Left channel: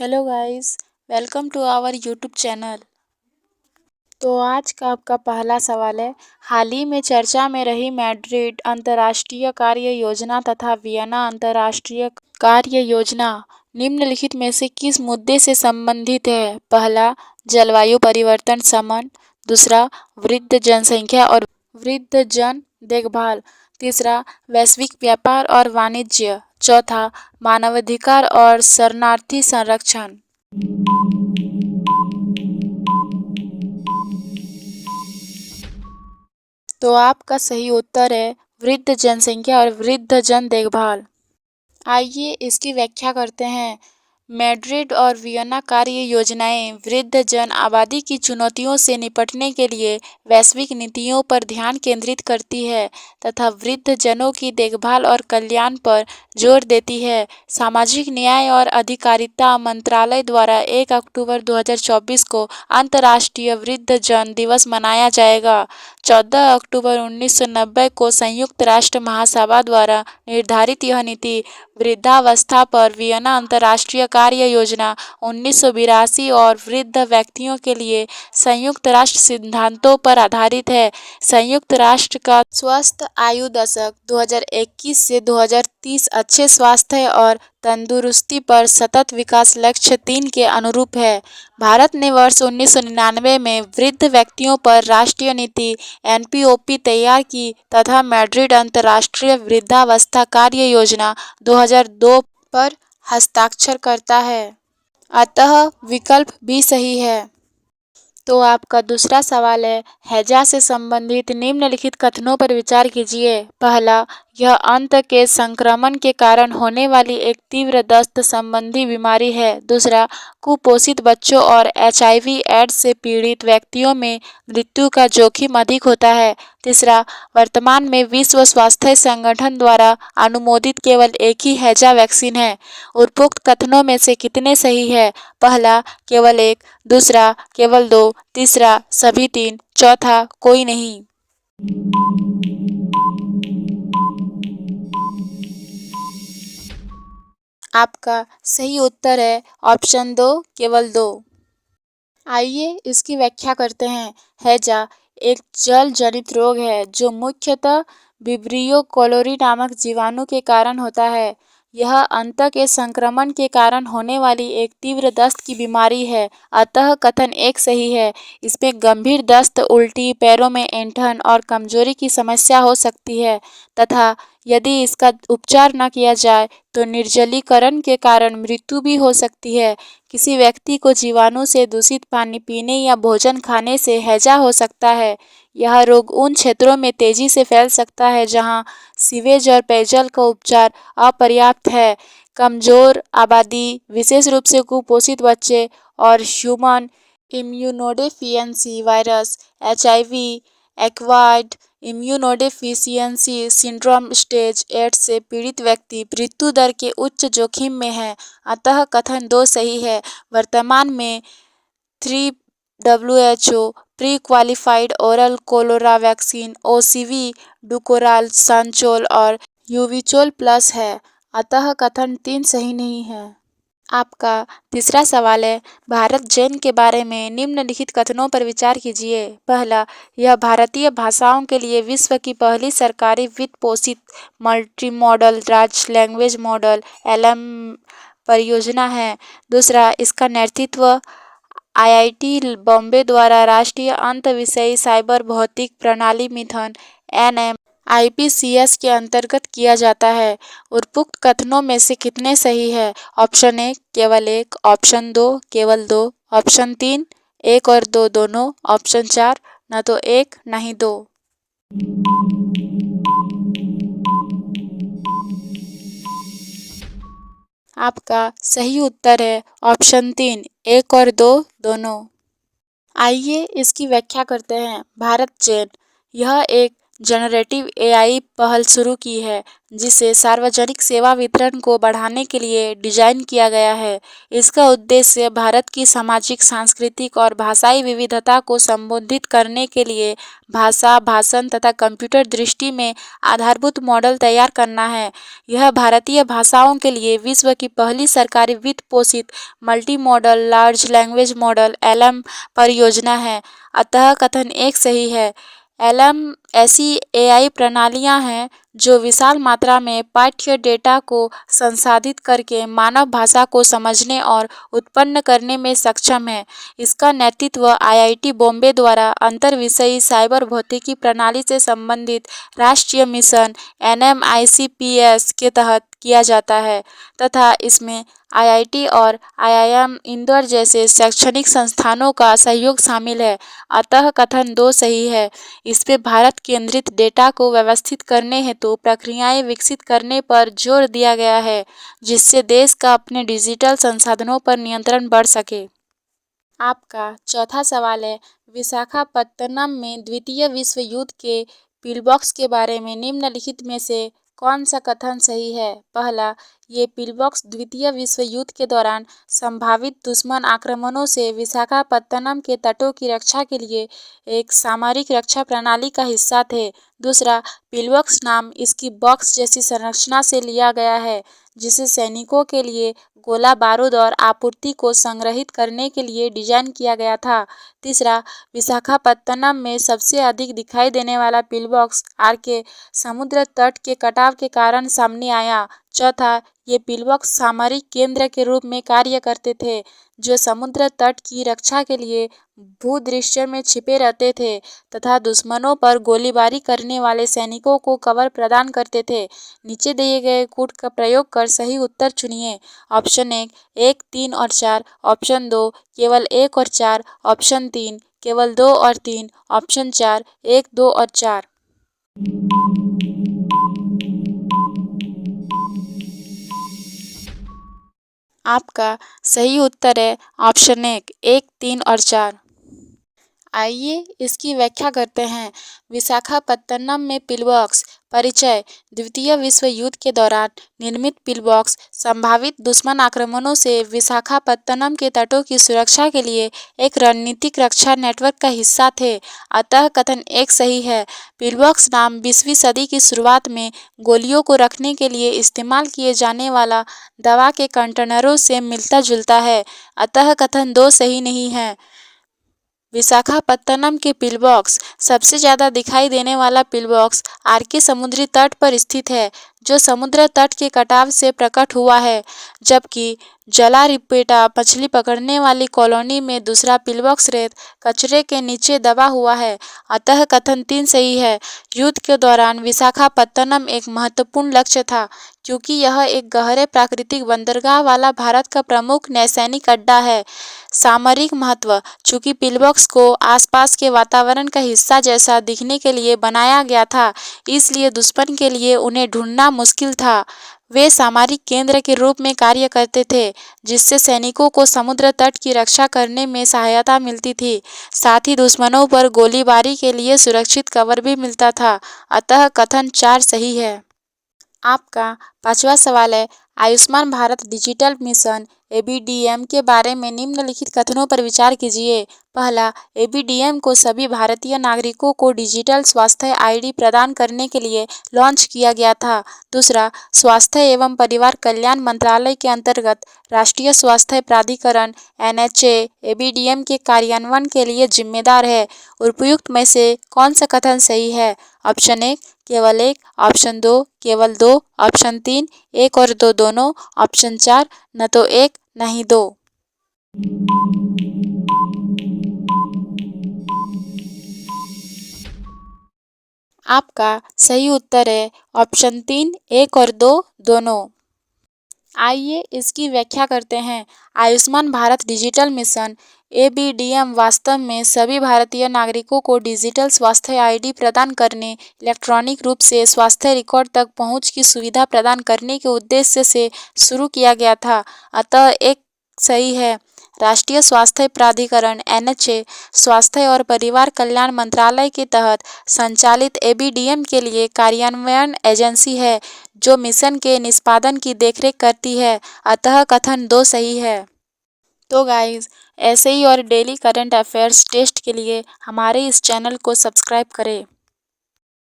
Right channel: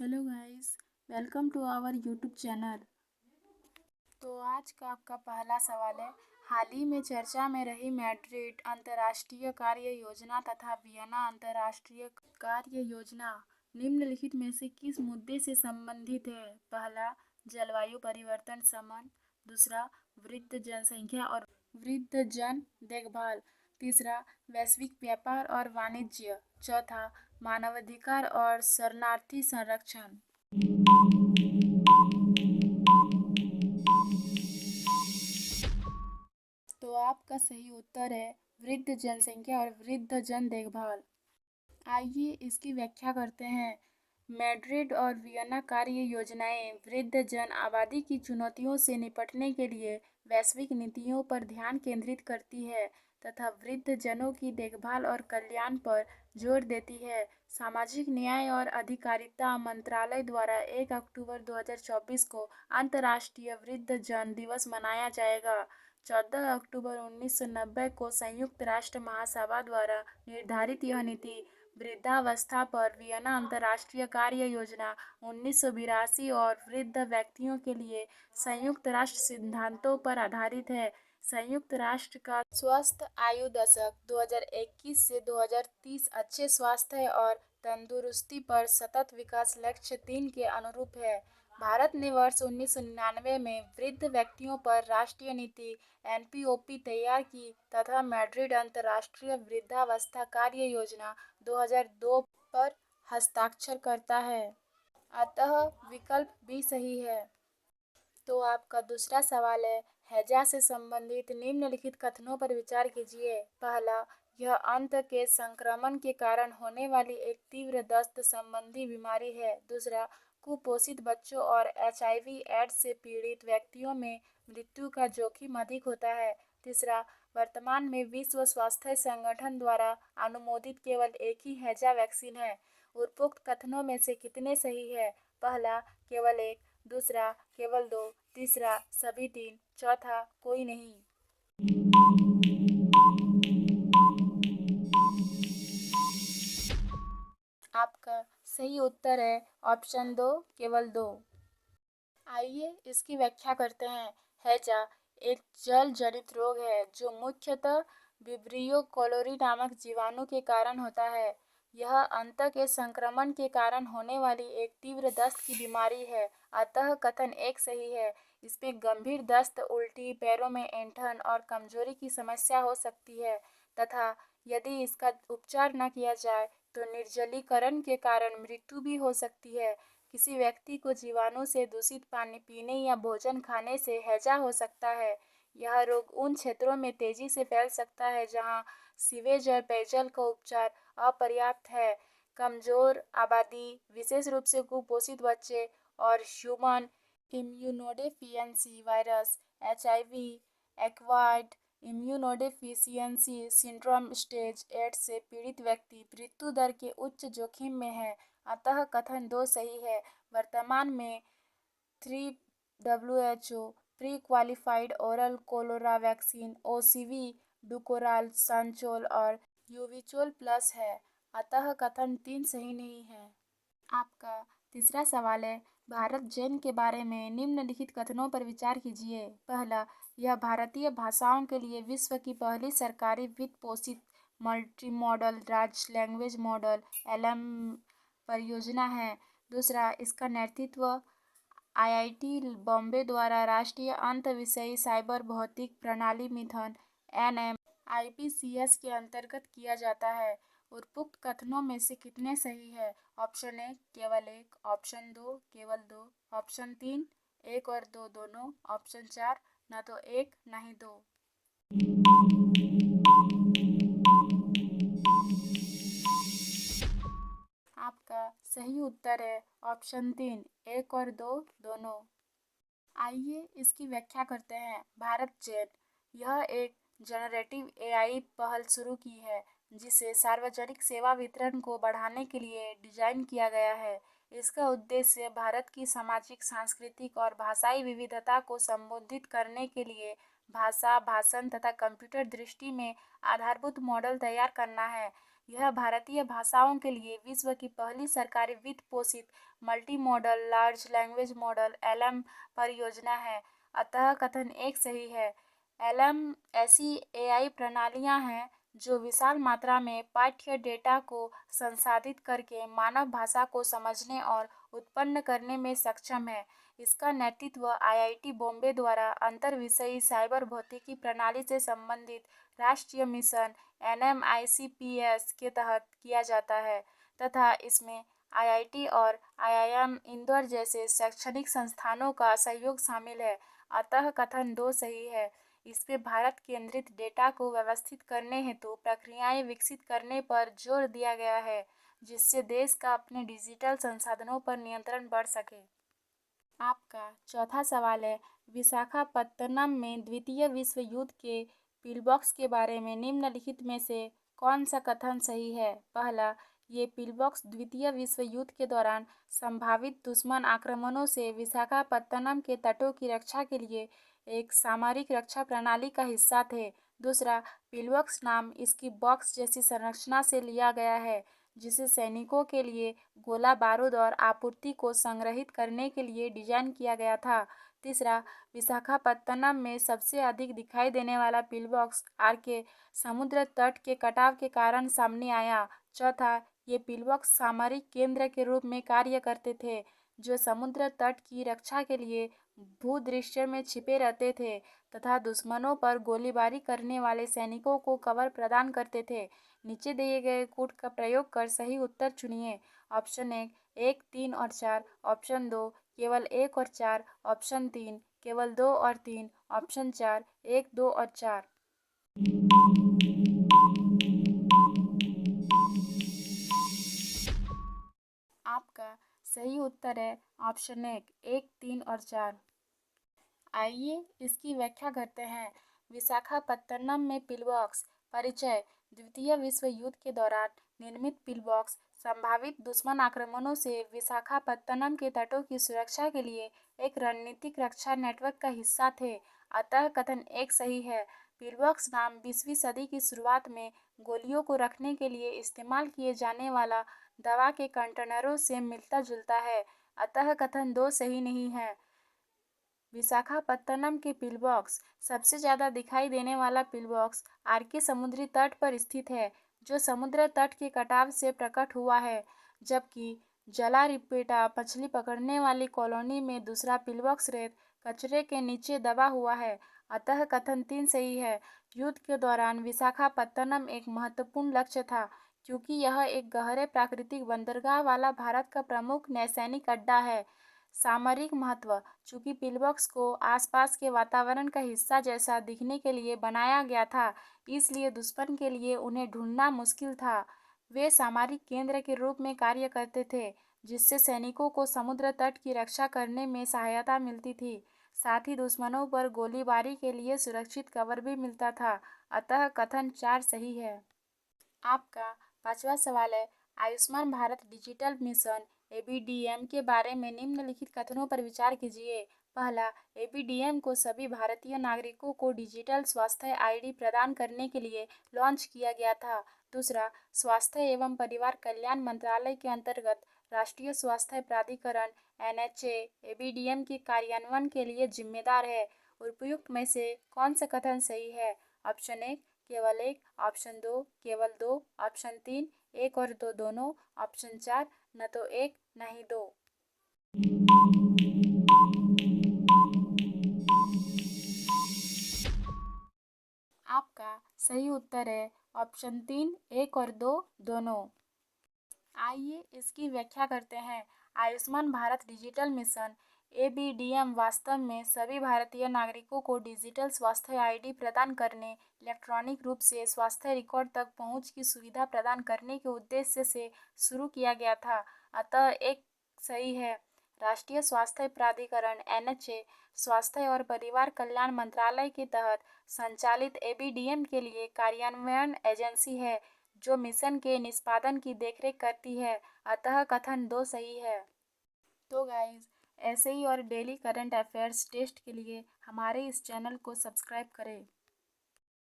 Hello guys, welcome to our YouTube channel. तो आज का आपका पहला सवाल है, हाल ही में चर्चा में रही मैड्रिड अंतर्राष्ट्रीय कार्य योजना तथा वियना अंतर्राष्ट्रीय कार्य योजना निम्नलिखित में से किस मुद्दे से संबंधित है? पहला, जलवायु परिवर्तन शमन। दूसरा, वृद्ध जनसंख्या और वृद्ध जन देखभाल। तीसरा, वैश्विक व्यापार और वाणिज्य। चौथा, मानवाधिकार और शरणार्थी संरक्षण। तो आपका सही उत्तर है वृद्ध जनसंख्या और वृद्ध जन देखभाल। आइए इसकी व्याख्या करते हैं। मैड्रिड और वियना कार्य योजनाएं वृद्ध जन आबादी की चुनौतियों से निपटने के लिए वैश्विक नीतियों पर ध्यान केंद्रित करती है तथा वृद्ध जनों की देखभाल और कल्याण पर जोर देती है। सामाजिक न्याय और अधिकारिता मंत्रालय द्वारा 1 अक्टूबर 2024 को अंतर्राष्ट्रीय वृद्ध जन दिवस मनाया जाएगा। 14 अक्टूबर 1990 को संयुक्त राष्ट्र महासभा द्वारा निर्धारित यह नीति वृद्धावस्था पर वियना अंतर्राष्ट्रीय कार्य योजना 1982 और वृद्ध व्यक्तियों के लिए संयुक्त राष्ट्र सिद्धांतों पर आधारित है। संयुक्त राष्ट्र का स्वस्थ आयु दशक 2021 से 2030 अच्छे स्वास्थ्य और तंदुरुस्ती पर सतत विकास लक्ष्य 3 के अनुरूप है। भारत ने वर्ष 1999 में वृद्ध व्यक्तियों पर राष्ट्रीय नीति एनपीओपी तैयार की तथा मैड्रिड अंतर्राष्ट्रीय वृद्धावस्था कार्य योजना 2002 पर हस्ताक्षर करता है। अतः विकल्प भी सही है। तो आपका दूसरा सवाल है, हैजा से संबंधित निम्नलिखित कथनों पर विचार कीजिए। पहला, यह अंत के संक्रमण के कारण होने वाली एक तीव्र दस्त संबंधी बीमारी है। दूसरा, कुपोषित बच्चों और एचआईवी एड्स से पीड़ित व्यक्तियों में मृत्यु का जोखिम अधिक होता है। तीसरा, वर्तमान में विश्व स्वास्थ्य संगठन द्वारा अनुमोदित केवल एक ही हैजा वैक्सीन है। उपरोक्त कथनों में से कितने सही है? पहला, केवल एक। दूसरा, केवल दो। तीसरा, सभी तीन। चौथा, कोई नहीं। आपका सही उत्तर है ऑप्शन 2, केवल 2। आइए इसकी व्याख्या करते हैं। हैजा एक जल जनित रोग है जो मुख्यतः विब्रियो कोलोरी नामक जीवाणु के कारण होता है। यह अंत के संक्रमण के कारण होने वाली एक तीव्र दस्त की बीमारी है। अतः कथन एक सही है। इसमें गंभीर दस्त, उल्टी, पैरों में ऐंठन और कमजोरी की समस्या हो सकती है तथा यदि इसका उपचार न किया जाए तो निर्जलीकरण के कारण मृत्यु भी हो सकती है। किसी व्यक्ति को जीवाणु से दूषित पानी पीने या भोजन खाने से हैजा हो सकता है। यह रोग उन क्षेत्रों में तेजी से फैल सकता है जहां सीवेज और पेयजल का उपचार अपर्याप्त है। कमजोर आबादी, विशेष रूप से कुपोषित बच्चे और human immunodeficiency virus HIV acquired immunodeficiency syndrome stage 8 से पीड़ित व्यक्ति मृत्यु दर के उच्च जोखिम में है। अतः कथन 2 सही है। वर्तमान में 3 WHO pre qualified oral cholera vaccine OCV, Dukoral, Shanchol और यूविचोल प्लस है। अतः कथन 3 सही नहीं है। आपका तीसरा सवाल है, भारत जेन के बारे में निम्नलिखित कथनों पर विचार कीजिए। पहला, यह भारतीय भाषाओं के लिए विश्व की पहली सरकारी वित्त पोषित multi modal large language model LM परियोजना है। दूसरा, इसका नेतृत्व आईआईटी बॉम्बे द्वारा राष्ट्रीय अंत विषयी साइबर भौतिक प्रणाली मिथन एनएम आईपीसीएस के अंतर्गत किया जाता है। उपरोक्त कथनों में से कितने सही है? ऑप्शन 1 केवल 1, ऑप्शन 2 केवल 2, ऑप्शन 3 1 और 2 दोनों, ऑप्शन 4 न तो 1 न ही 2। आपका सही उत्तर है ऑप्शन 3 1 और 2 दोनों। आइए इसकी व्याख्या करते हैं। भारत जेन यह एक जनरेटिव एआई पहल शुरू की है, जिसे सार्वजनिक सेवा वितरण को बढ़ाने के लिए डिजाइन किया गया है। इसका उद्देश्य भारत की सामाजिक, सांस्कृतिक और भाषाई विविधता को संबोधित करने के लिए भाषा, भाषण तथा कंप्यूटर दृष्टि में आधारभूत मॉडल तैयार करना है। यह भारतीय भाषाओं के लिए विश्व की पहली सरकारी वित्त पोषित multi modal large language model (LM) परियोजना है। अतः कथन एक सही है। एलएम ऐसी एआई प्रणालियां हैं जो विशाल मात्रा में पाठ्य डेटा को संसाधित करके मानव भाषा को समझने और उत्पन्न करने में सक्षम है। इसका नेतृत्व आईआईटी बॉम्बे द्वारा अंतर्विषयी साइबर भौतिकी प्रणाली से संबंधित राष्ट्रीय मिशन एनएमआईसीपीएस के तहत किया जाता है तथा इसमें आईआईटी और आईआईएम इंदौर जैसे शैक्षणिक संस्थानों का सहयोग शामिल है। अतः कथन 2 सही है। इसमें भारत केंद्रित डेटा को व्यवस्थित करने हेतु प्रक्रियाएं विकसित करने पर जोर दिया गया है, जिससे देश का अपने डिजिटल संसाधनों पर नियंत्रण बढ़ सके। आपका चौथा सवाल है, विशाखापत्तनम में द्वितीय विश्व युद्ध के पिलबॉक्स के बारे में निम्नलिखित में से कौन सा कथन सही है? पहला, ये पिलबॉक्स द्वितीय विश्व युद्ध के दौरान संभावित दुश्मन आक्रमणों से विशाखापत्तनम के तटों की रक्षा के लिए एक सामरिक रक्षा प्रणाली का हिस्सा थे। दूसरा, पिलबॉक्स नाम इसकी बॉक्स जैसी संरचना से लिया गया है, जिसे सैनिकों के लिए गोला बारूद और आपूर्ति को संग्रहित करने के लिए डिजाइन किया गया था। तीसरा, विशाखापत्तनम में सबसे अधिक दिखाई देने वाला पिलबॉक्स आर के समुद्र तट के कटाव के कारण सामने आया। चौथा, ये पिलबॉक्स सामरिक केंद्र के रूप में कार्य करते थे, जो समुद्र तट की रक्षा के लिए भूदृश्य में छिपे रहते थे तथा दुश्मनों पर गोलीबारी करने वाले सैनिकों को कवर प्रदान करते थे। नीचे दिए गए कूट का प्रयोग कर सही उत्तर चुनिए। ऑप्शन 1 1, 3 और 4, ऑप्शन 2 केवल 1 और 4, ऑप्शन 3 केवल 2 और 3, ऑप्शन 4 1, 2 और 4। आपका सही उत्तर है ऑप्शन 1 1, 3 और 4। आइए इसकी व्याख्या करते हैं। विशाखापत्तनम में पिलबॉक्स। परिचय। द्वितीय विश्व युद्ध के दौरान निर्मित पिलबॉक्स संभावित दुश्मन आक्रमणों से विशाखापत्तनम के तटों की सुरक्षा के लिए एक रणनीतिक रक्षा नेटवर्क का हिस्सा थे। अतः कथन एक सही है। पिलबॉक्स नाम 20वीं सदी की शुरुआत में गोलियों को रखने के लिए इस्तेमाल किए जाने वाला दवा के कंटेनरों से मिलता जुलता है। अतः कथन 2 सही नहीं है। विशाखापत्तनम के पिलबॉक्स। सबसे ज़्यादा दिखाई देने वाला पिलबॉक्स आर के समुद्री तट पर स्थित है, जो समुद्र तट के कटाव से प्रकट हुआ है, जबकि जलारिपेटा मछली पकड़ने वाली कॉलोनी में दूसरा पिलबॉक्स रेत कचरे के नीचे दबा हुआ है। अतः कथन 3 सही है। युद्ध के दौरान विशाखापत्तनम एक महत्वपूर्ण लक्ष्य था, क्योंकि यह एक गहरे प्राकृतिक बंदरगाह वाला भारत का प्रमुख नौसैनिक अड्डा है। सामरिक महत्व। चूंकि पिलबॉक्स को आसपास के वातावरण का हिस्सा जैसा दिखने के लिए बनाया गया था, इसलिए दुश्मन के लिए उन्हें ढूंढना मुश्किल था। वे सामरिक केंद्र के रूप में कार्य करते थे, जिससे सैनिकों को समुद्र तट की रक्षा करने में सहायता मिलती थी। साथ ही दुश्मनों पर गोलीबारी के लिए सुरक्षित कवर भी मिलता था। अतः कथन 4 सही है। आपका 5वां सवाल है, Ayushman Bharat digital mission ABDM के बारे में निम्नलिखित कथनों पर विचार कीजिए। पहला, एबीडीएम को सभी भारतीय नागरिकों को डिजिटल स्वास्थ्य आईडी प्रदान करने के लिए लॉन्च किया गया था। दूसरा, स्वास्थ्य एवं परिवार कल्याण मंत्रालय के अंतर्गत राष्ट्रीय स्वास्थ्य प्राधिकरण एनएचए एबीडीएम के कार्यान्वयन के लिए जिम्मेदार है। उपयुक्त में से कौन सा कथन सही है? ऑप्शन 1 केवल 1, ऑप्शन 2 केवल 2, ऑप्शन 3 1 और 2 दोनों, ऑप्शन 4 न तो 1 न ही 2। आपका सही उत्तर है ऑप्शन 3 1 और 2 दोनों। आइए इसकी व्याख्या करते हैं। Ayushman Bharat digital mission ABDM वास्तव में सभी भारतीय नागरिकों को डिजिटल स्वास्थ्य आईडी प्रदान करने, इलेक्ट्रॉनिक रूप से स्वास्थ्य रिकॉर्ड तक पहुंच की सुविधा प्रदान करने के उद्देश्य से शुरू किया गया था। अतः एक सही है। राष्ट्रीय स्वास्थ्य प्राधिकरण (NHA) स्वास्थ्य और परिवार कल्याण मंत्रालय के तहत संचालित ABDM के लिए कार्यान्वयन एजेंसी है जो मिशन के निष्पादन की देखरेख करती है। अतः कथन 2 सही है। तो गाइज, ऐसे ही और डेली करंट अफेयर्स टेस्ट के लिए हमारे इस चैनल को सब्सक्राइब करें।